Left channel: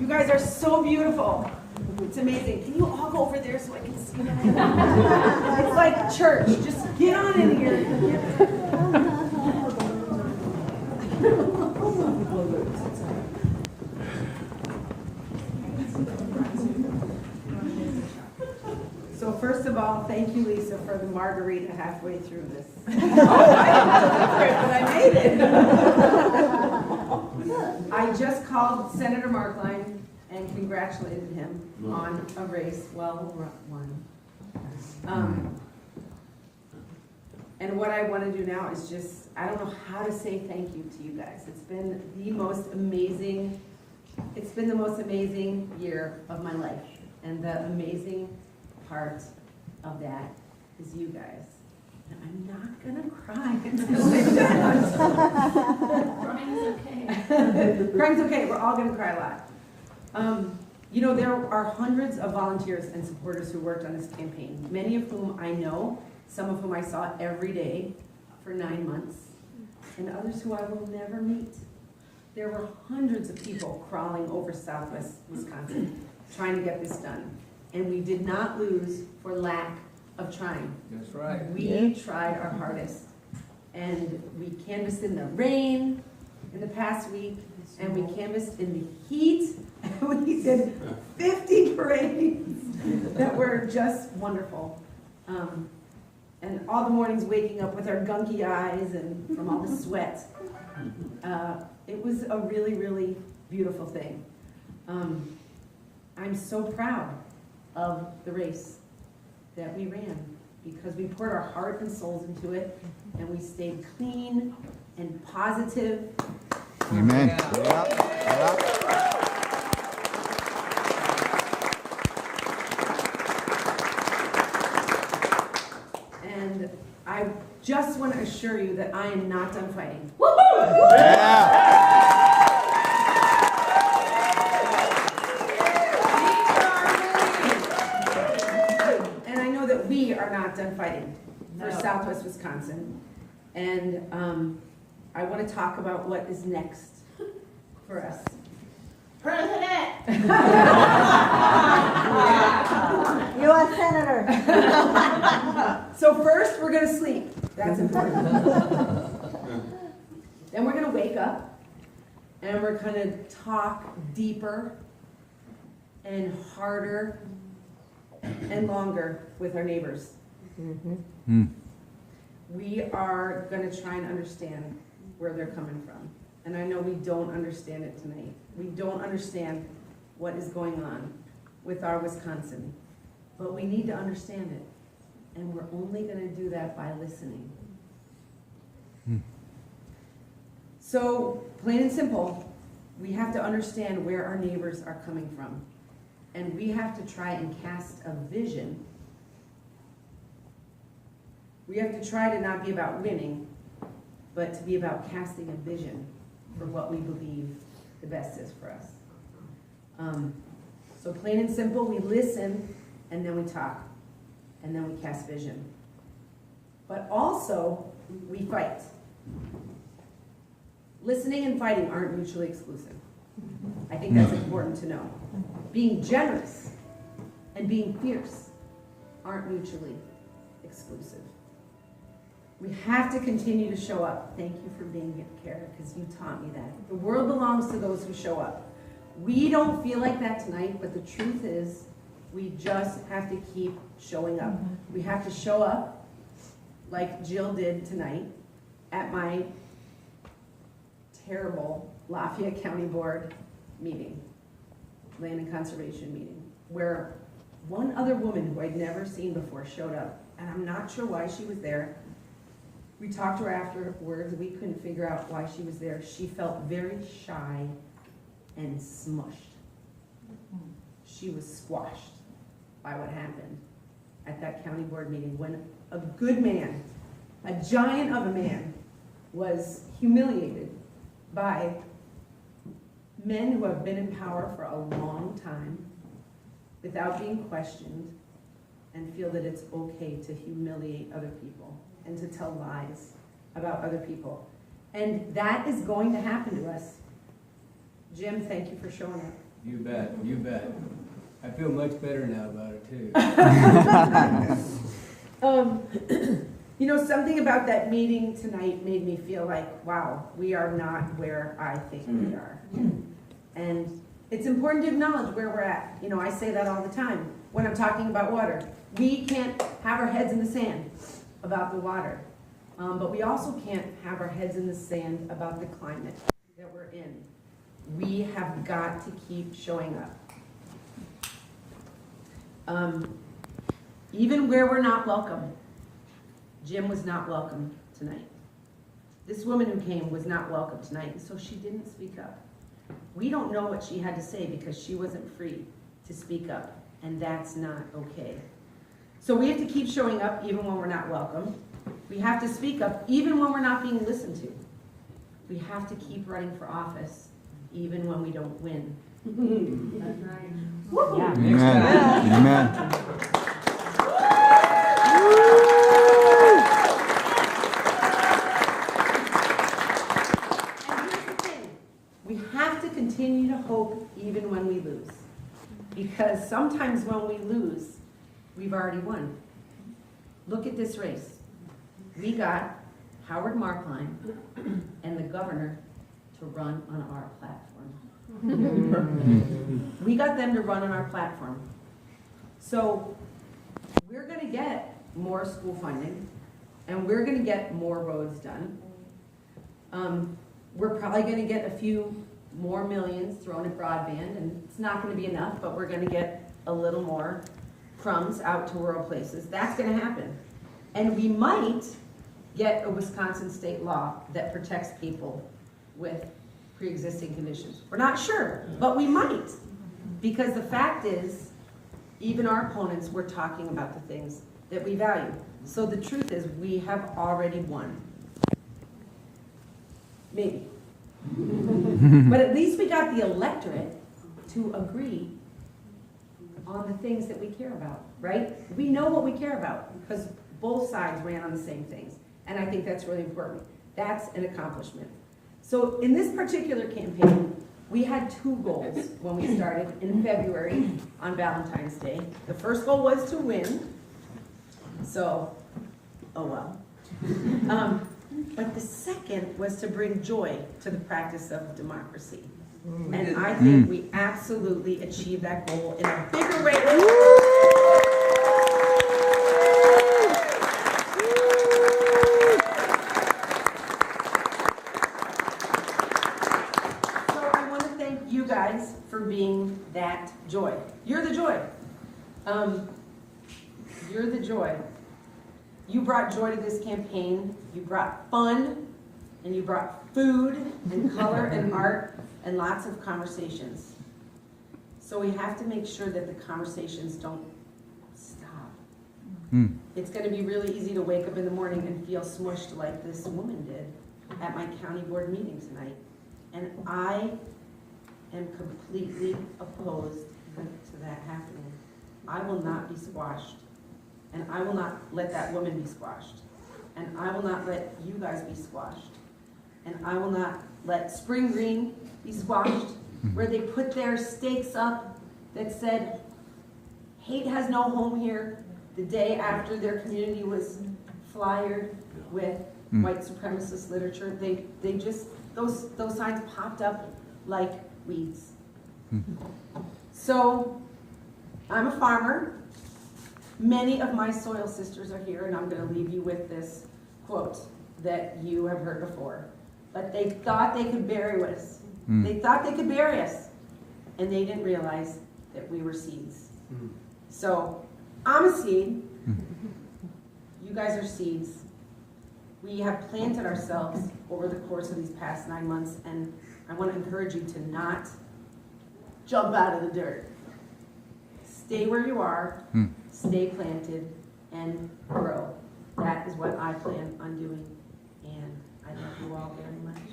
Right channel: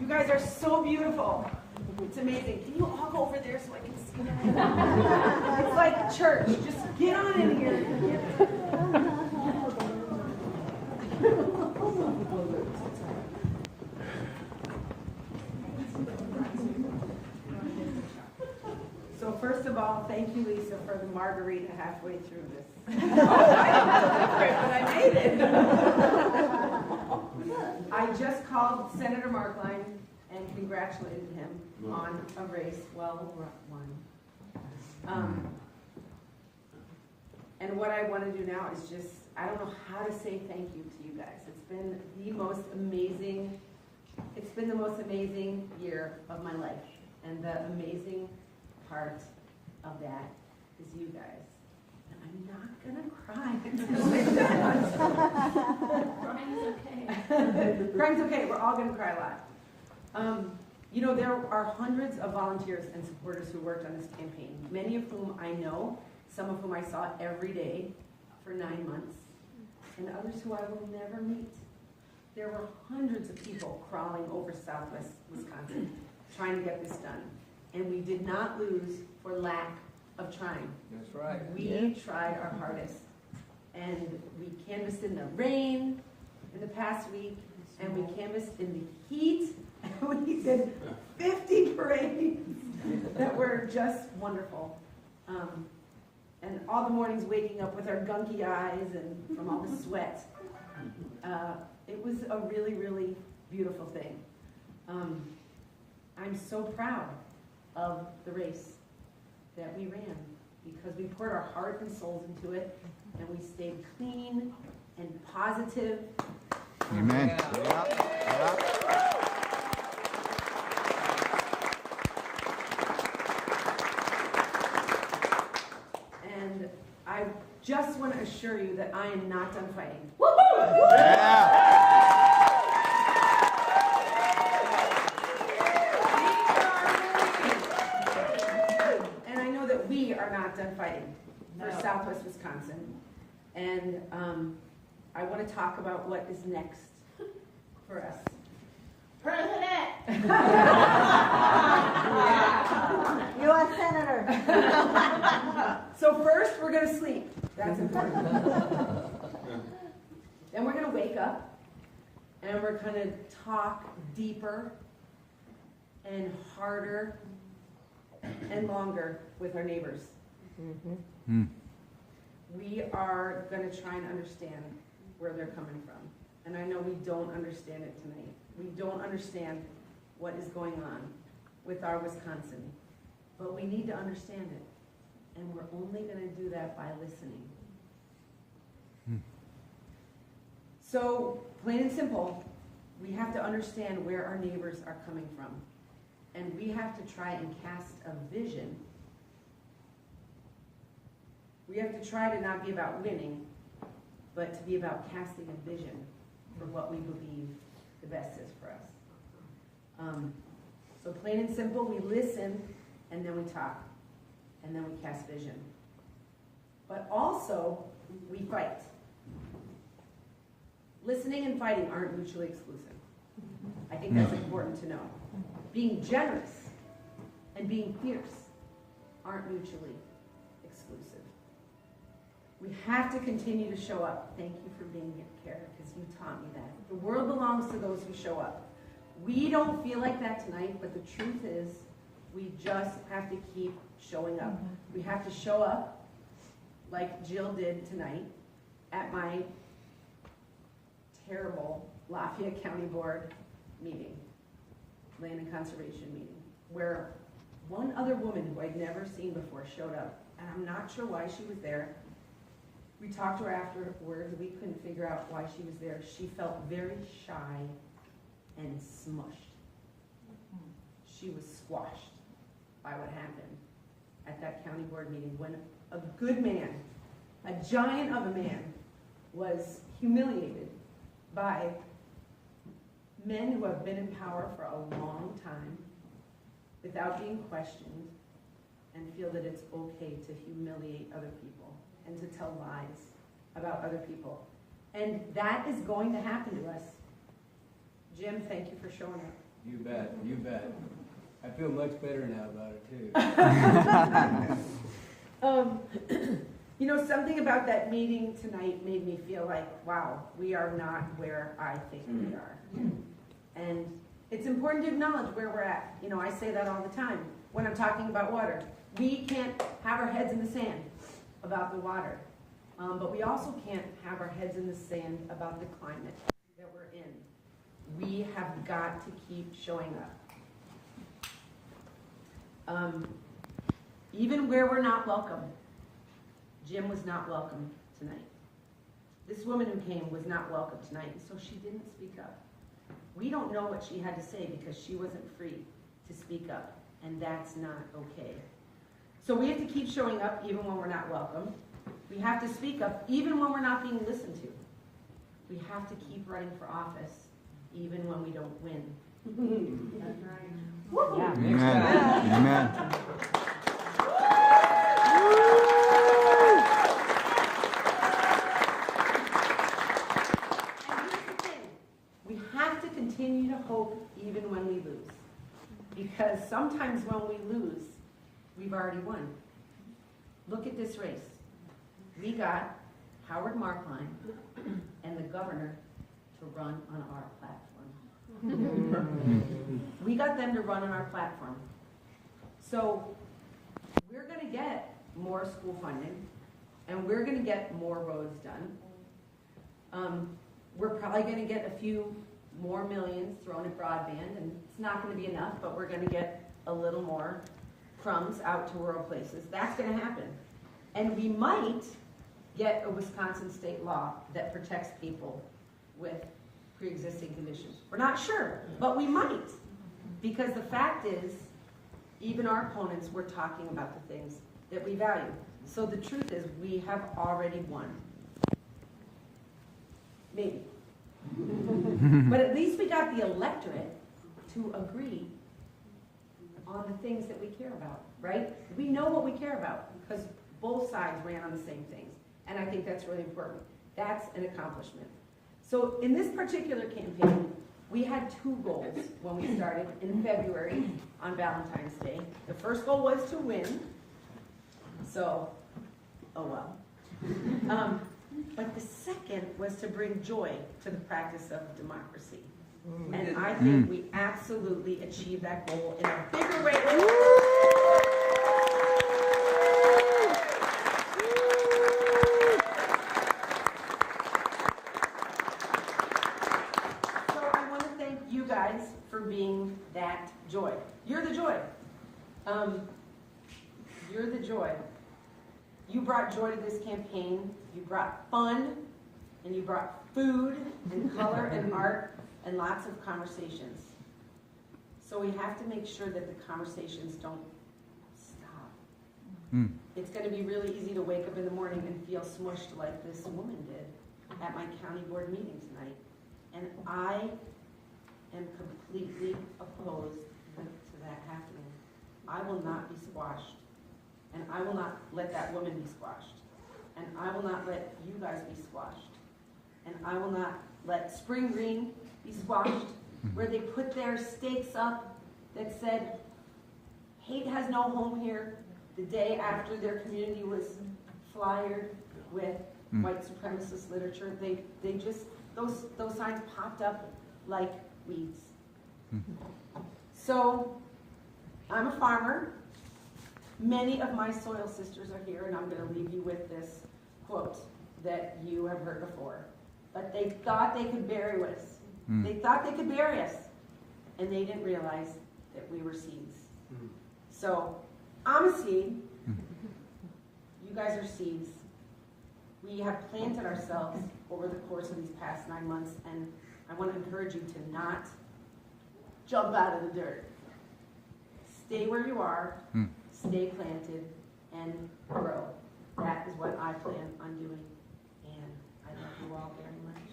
You guys are so beautiful. It's amazing. Can you all go over there so I can see them? It's like church. Just get on in here. So first of all, thank you, Lisa, for the margarita halfway through this. But I made it. I just called Senator Markline and congratulated him on a race well won. And what I want to do now is just, I don't know how to say thank you to you guys. It's been the most amazing year of my life. And the amazing part of that is you guys. And I'm not going to cry until it's done. Crying's okay. Crying's okay. We're all going to cry a lot. You know, there are hundreds of volunteers and supporters who worked on this campaign, many of whom I know, some of whom I saw every day for 9 months, and others who I will never meet. There were hundreds of people crawling over Southwest Wisconsin trying to get this done. And we did not lose for lack of trying. That's right. We tried our hardest. And we canvassed in the rain in the past week, and we canvassed in the heat, and we did 50 parades that were just wonderful. And all the mornings waking up with our gunky eyes and from all the sweat. It was a really, really beautiful thing. I'm so proud of the race that we ran because we poured our heart and souls into it, and we stayed clean and positive. Amen. And I just want to assure you that I am not done fighting. And I know that we are not done fighting for Southwest Wisconsin. And I want to talk about what is next for us. President! U.S. Senator. So first, we're going to sleep. That's important. Then we're going to wake up, and we're going to talk deeper and harder and longer with our neighbors. We are going to try and understand where they're coming from. And I know we don't understand it tonight. We don't understand what is going on with our Wisconsin. But we need to understand it. And we're only going to do that by listening. So, plain and simple, we have to understand where our neighbors are coming from. And we have to try and cast a vision. We have to try to not be about winning, but to be about casting a vision for what we believe the best is for us. So plain and simple, we listen, and then we talk, and then we cast vision. But also, we fight. Listening and fighting aren't mutually exclusive. I think that's important to know. Being generous and being fierce aren't mutually exclusive. We have to continue to show up. Thank you for being here, Kara, because you taught me that. The world belongs to those who show up. We don't feel like that tonight, but the truth is, we just have to keep showing up. We have to show up like Jill did tonight at my terrible Lafayette County Board meeting, Land and Conservation meeting, where one other woman who I'd never seen before showed up, and I'm not sure why she was there. We talked to her afterwards. We couldn't figure out why she was there. She felt very shy and smushed. She was squashed by what happened at that county board meeting when a good man, a giant of a man, was humiliated by men who have been in power for a long time without being questioned and feel that it's okay to humiliate other people and to tell lies about other people. And that is going to happen to us. Jim, thank you for showing up. You bet, you bet. I feel much better now about it too. You know, something about that meeting tonight made me feel like, wow, we are not where I think we are. And it's important to acknowledge where we're at. You know, I say that all the time when I'm talking about water. We can't have our heads in the sand about the water. But we also can't have our heads in the sand about the climate that we're in. We have got to keep showing up. Even where we're not welcome. Jim was not welcome tonight. This woman who came was not welcome tonight, so she didn't speak up. We don't know what she had to say because she wasn't free to speak up, and that's not okay. So we have to keep showing up even when we're not welcome. We have to speak up even when we're not being listened to. We have to keep running for office even when we don't win. That's right. Yeah. Amen. And here's the thing. We have to continue to hope even when we lose. Because sometimes when we lose, we've already won. Look at this race. We got Howard Markline and the governor to run on our platform. We got them to run on our platform. So we're going to get more school funding, and we're going to get more roads done. We're probably going to get a few more millions thrown at broadband, and it's not going to be enough, but we're going to get a little more crumbs out to rural places. That's going to happen. And we might get a Wisconsin state law that protects people with pre-existing conditions. We're not sure, but we might. Because the fact is, even our opponents were talking about the things that we value. So the truth is, we have already won. Maybe. But at least we got the electorate to agree on the things that we care about, right? We know what we care about because both sides ran on the same things. And I think that's really important. That's an accomplishment. So in this particular campaign, we had two goals when we started in February on Valentine's Day. The first goal was to win. So, oh well. But the second was to bring joy to the practice of democracy. And I think we absolutely achieved that goal in a bigger way. So I want to thank you guys for being that joy. You're the joy. You're the joy. You brought joy to this campaign. You brought fun, and you brought food and color and art and lots of conversations. So we have to make sure that the conversations don't stop. It's going to be really easy to wake up in the morning and feel smushed like this woman did at my county board meeting tonight. And I am completely opposed to that happening. I will not be squashed. And I will not let that woman be squashed. And I will not let you guys be squashed. And I will not let Spring Green be squashed, where they put their stakes up that said, hate has no home here, the day after their community was flyered with white supremacist literature. They just, those signs popped up like weeds. So, I'm a farmer. Many of my soil sisters are here, and I'm going to leave you with this quote that you have heard before. But they thought they could bury us. They thought they could bury us, and they didn't realize that we were seeds. So, I'm a seed. You guys are seeds. We have planted ourselves over the course of these past 9 months, and I want to encourage you to not jump out of the dirt. Stay where you are. Stay planted and grow. That is what I plan on doing, and I love you all very much.